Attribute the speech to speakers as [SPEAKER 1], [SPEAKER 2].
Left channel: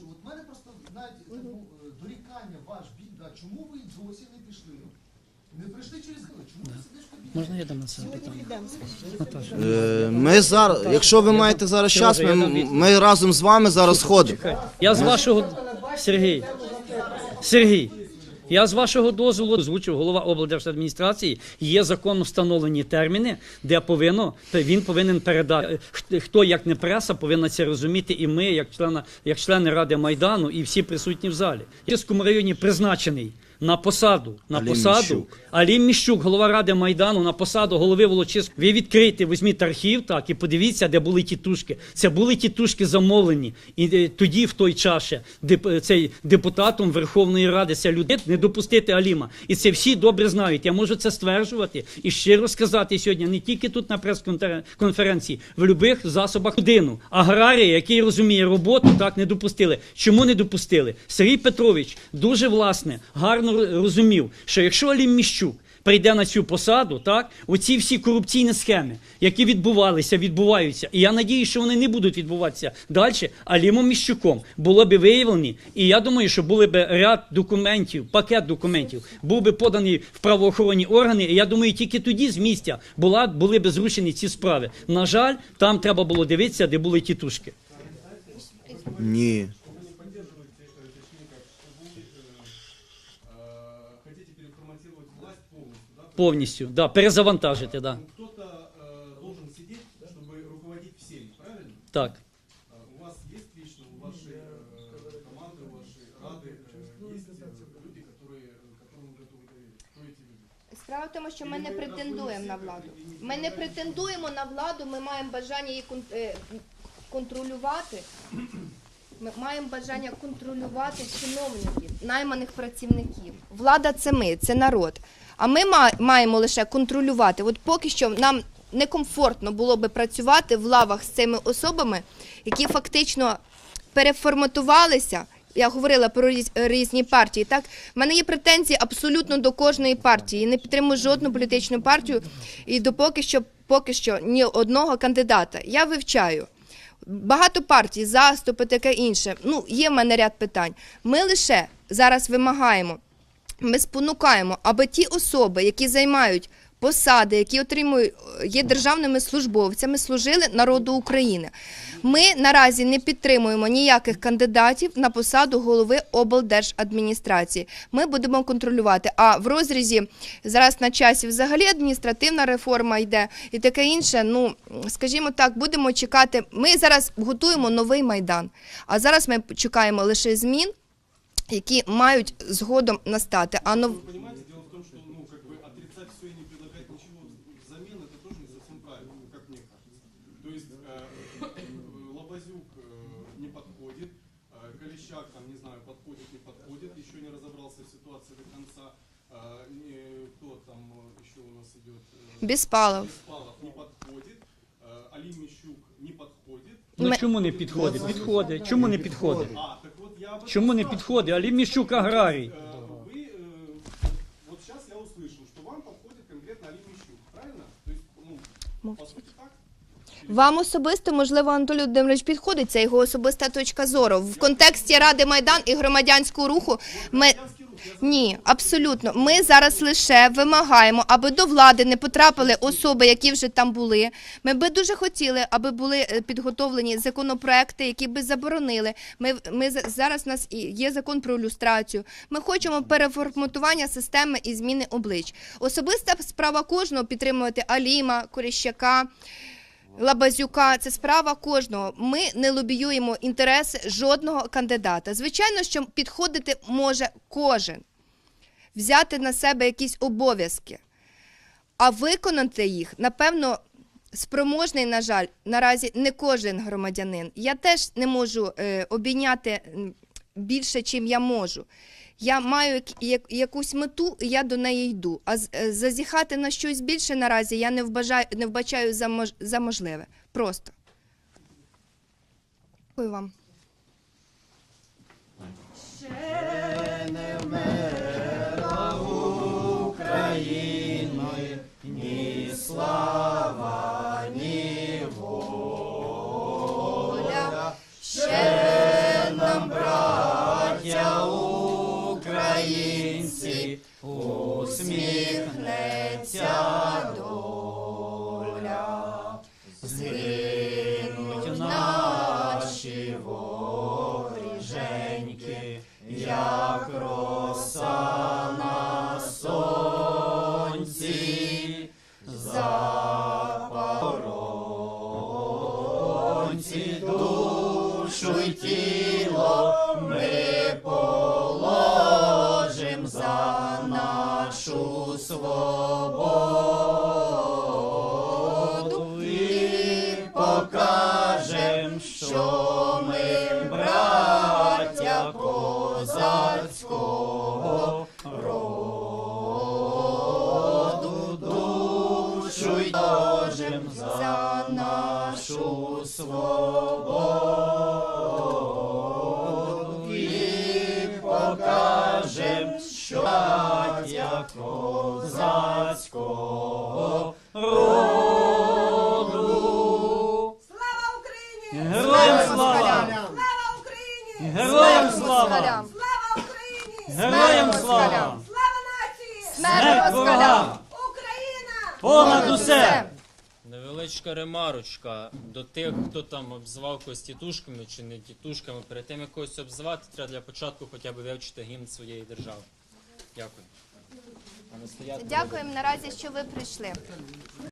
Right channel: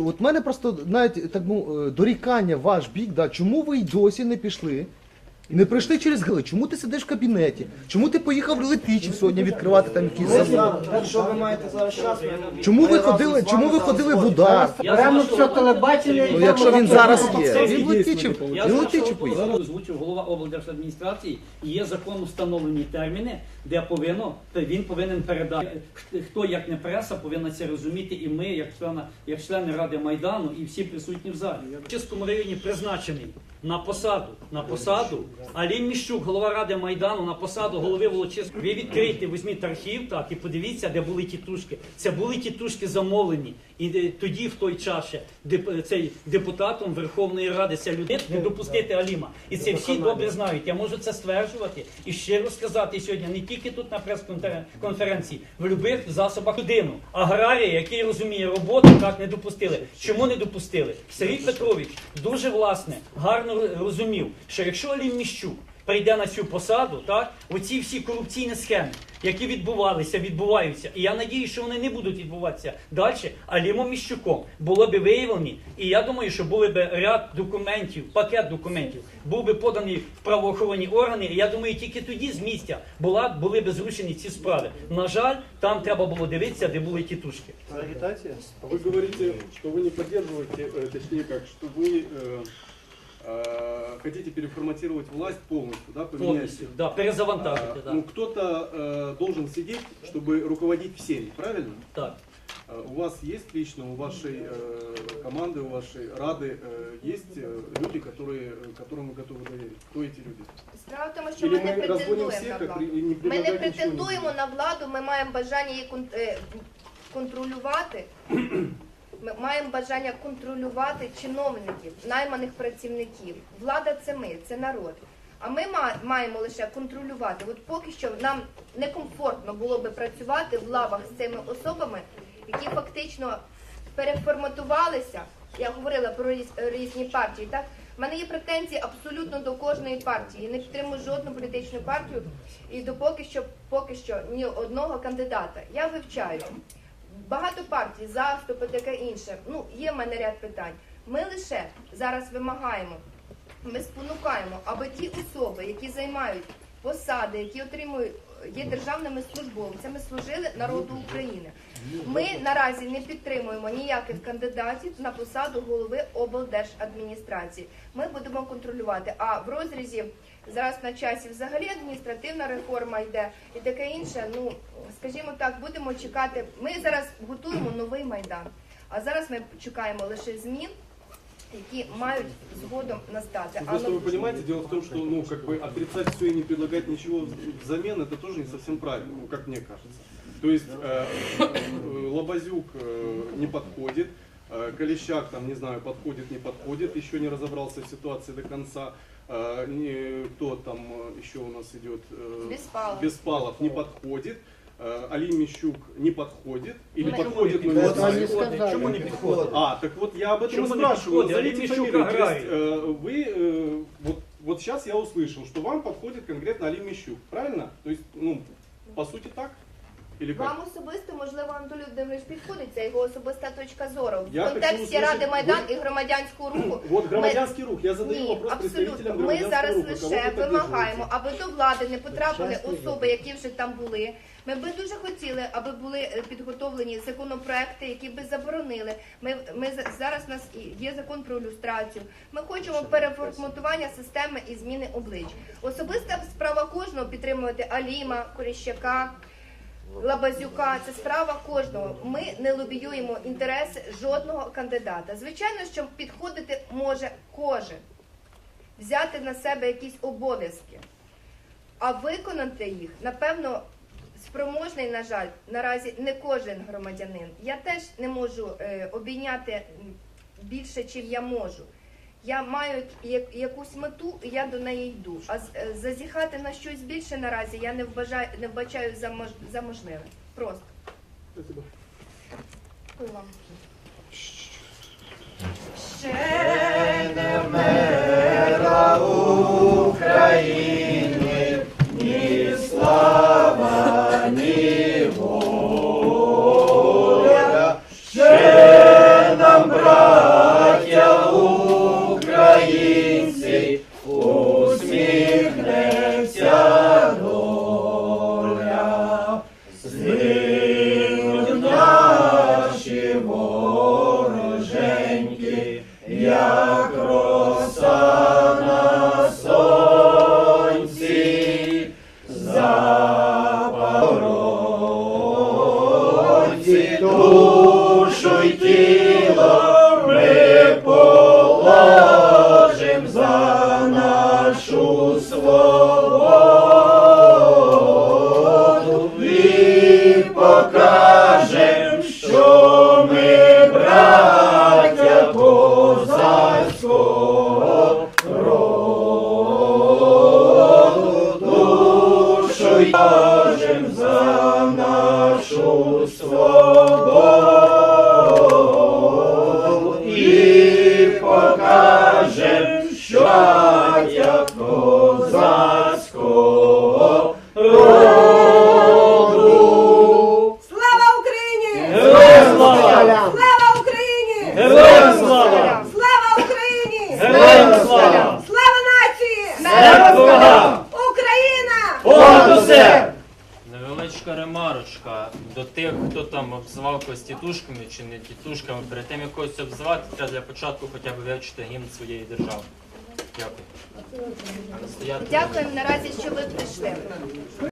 [SPEAKER 1] От мене просто навіть так ну, е, дорікання ваш бік, да, чому ви й досі не пішли? Не прийшли через гали. Чому ти сидиш в кабінеті? Чому ти поїхав в Летичів сьогодні відкривати там?
[SPEAKER 2] Е, Ми зараз, якщо ви маєте зараз час, ми,
[SPEAKER 1] Чому
[SPEAKER 2] ми
[SPEAKER 1] ви
[SPEAKER 2] разом
[SPEAKER 1] ходили-
[SPEAKER 2] з вами
[SPEAKER 1] ви
[SPEAKER 2] зараз
[SPEAKER 1] ходили
[SPEAKER 2] ходимо.
[SPEAKER 1] туди?
[SPEAKER 3] Я з вашого Сергій,
[SPEAKER 1] Ну, якщо він зараз є.
[SPEAKER 3] Сергій,
[SPEAKER 1] в
[SPEAKER 3] Я з вашого дозволу озвучив голова облдержадміністрації. Є законно встановлені терміни, де повинно то він повинен передати. Х- Хто як не преса повинна це розуміти, і ми, як члени, як члени ради майдану, і всі присутні в залі. В Чеському районі призначений. На посаду, на
[SPEAKER 2] Алім
[SPEAKER 3] посаду
[SPEAKER 2] Міщук.
[SPEAKER 3] Алім Міщук, голова ради майдану, на посаду голови Волочиського. Ви відкрийте, візьміть архів, так і подивіться, де були тітушки. Це були тітушки замовлені. І е, тоді, в той час, ще, деп- цей депутатом Верховної Ради, це людей не допустити Аліма. І це всі добре знають. Я можу це стверджувати і щиро сказати сьогодні, не тільки тут на прес-конференції, в будь-яких засобах людину. Аграрія, який розуміє роботу, так не допустили. Чому не допустили? Сергій Петрович дуже власне гарно розумів, що якщо Алім Міщук прийде на цю посаду, так оці всі корупційні схеми, які відбувалися, відбуваються, і я надію, що вони не будуть відбуватися далі. Алімом Міщуком було б виявлені, і я думаю, що були б ряд документів, пакет документів, був би поданий в правоохоронні органи. І я думаю, тільки тоді з місця була були б зрушені ці справи. На жаль, там треба було дивитися, де були тітушки.
[SPEAKER 4] Агитация? А Вы говорите,
[SPEAKER 2] Не.
[SPEAKER 4] что вы не поддерживаете, э, точнее как, что вы э, э, хотите переформатировать власть полностью, да? поменять?
[SPEAKER 3] Повністю, да, перезавантажити, да.
[SPEAKER 4] Ну, кто-то э, должен сидеть, чтобы руководить всеми, правильно?
[SPEAKER 3] так.
[SPEAKER 4] Э, У вас есть лично, у вашей э, команды, у вашей Рады э, есть э, люди, которые, э, которым вы готовы доверить? Кто эти люди?
[SPEAKER 5] Справа в тому, що
[SPEAKER 4] Или
[SPEAKER 5] ми не
[SPEAKER 4] мы разводим
[SPEAKER 5] претендуємо
[SPEAKER 4] всех,
[SPEAKER 5] на
[SPEAKER 4] как
[SPEAKER 5] владу.
[SPEAKER 4] при- и не
[SPEAKER 5] Ми не
[SPEAKER 4] предлагаем ничего
[SPEAKER 5] претендуємо на владу, ми маємо бажання її кон- е, контролювати. Ми маємо бажання контролювати чиновників, найманих працівників. Влада це ми, це народ. А ми ма- маємо лише контролювати. От поки що нам некомфортно було би працювати в лавах з цими особами, які фактично переформатувалися. Я говорила про різні партії. Так, в мене є претензії абсолютно до кожної партії. Я не підтримую жодну політичну партію і допоки що поки що ні одного кандидата. Я вивчаю. Багато партій, заступи, таке інше. Ну, є в мене ряд питань. Ми лише зараз вимагаємо, ми спонукаємо, аби ті особи, які займають посади, які отримують, є державними службовцями, служили народу України. Ми наразі не підтримуємо ніяких кандидатів на посаду голови облдержадміністрації. Ми будемо контролювати. А в розрізі зараз на часі взагалі адміністративна реформа йде і таке інше. Ну скажімо так, будемо чекати. Ми зараз готуємо новий майдан. А зараз ми чекаємо лише змін, які мають згодом настати. А
[SPEAKER 4] Просто
[SPEAKER 5] ну
[SPEAKER 4] вы понимаете, дело в том, что ну, как бы отрицать все и не предлагать ничего взамен, это тоже не совсем правильно, ну, как мне кажется. То есть э, э, Лобазюк э, не подходит, э, Колещак, там, не знаю, подходит, не подходит, еще не разобрался в ситуации до конца. Э, не, кто там э, еще у нас идет? э,
[SPEAKER 5] Беспалов.
[SPEAKER 4] Беспалов не подходит. Э, Алим Мищук не подходит.
[SPEAKER 3] Ну,
[SPEAKER 4] Или
[SPEAKER 3] чому не
[SPEAKER 4] подходит, но
[SPEAKER 3] підходить?
[SPEAKER 4] его-
[SPEAKER 3] Підходить. Чому не підходить?
[SPEAKER 4] а, так вот я об этом
[SPEAKER 3] Чему
[SPEAKER 4] и
[SPEAKER 3] не
[SPEAKER 4] спрашиваю.
[SPEAKER 3] подходит?
[SPEAKER 4] Назовите
[SPEAKER 3] Али Мищук
[SPEAKER 4] фамилию. То
[SPEAKER 3] аграрий.
[SPEAKER 4] есть, э, Вы, э, вот, вот сейчас я услышал, что вам подходит конкретно Али Мищук, правильно? То есть, ну, по сути так?
[SPEAKER 5] Вам особисто, можливо, Анатолій Володимирович підходить, це його особиста точка зору. В
[SPEAKER 4] Я
[SPEAKER 5] контексті
[SPEAKER 4] так
[SPEAKER 5] Ради Майдан і громадянського руху ми
[SPEAKER 4] рух. Я
[SPEAKER 5] ні, абсолютно. Ми зараз лише вимагаємо, аби до влади не потрапили особи, які вже там були. Ми би дуже хотіли, аби були е, підготовлені законопроекти, які би заборонили. Ми, ми за- зараз у нас є закон про люстрацію. Ми хочемо переформатування системи і зміни облич. Особиста справа кожного підтримувати Аліма, Коріщака. Лабазюка, це справа кожного. Ми не лобіюємо інтереси жодного кандидата. Звичайно, що підходити може кожен, взяти на себе якісь обов'язки, а виконати їх, напевно, спроможний, на жаль, наразі не кожен громадянин. Я теж не можу е, обійняти більше, чим я можу. Я маю як- як- якусь мету, і я до неї йду. А е, зазіхати на щось більше наразі я не вбажаю, не вбачаю за, мож, за можливе. Просто. Дякую вам.
[SPEAKER 6] Oh. До тих, хто там обзивав когось тітушками чи не тітушками. Перед тим як когось обзивати, треба для початку хоча б вивчити гімн своєї держави. Дякую.
[SPEAKER 5] Дякуємо наразі, що ви прийшли.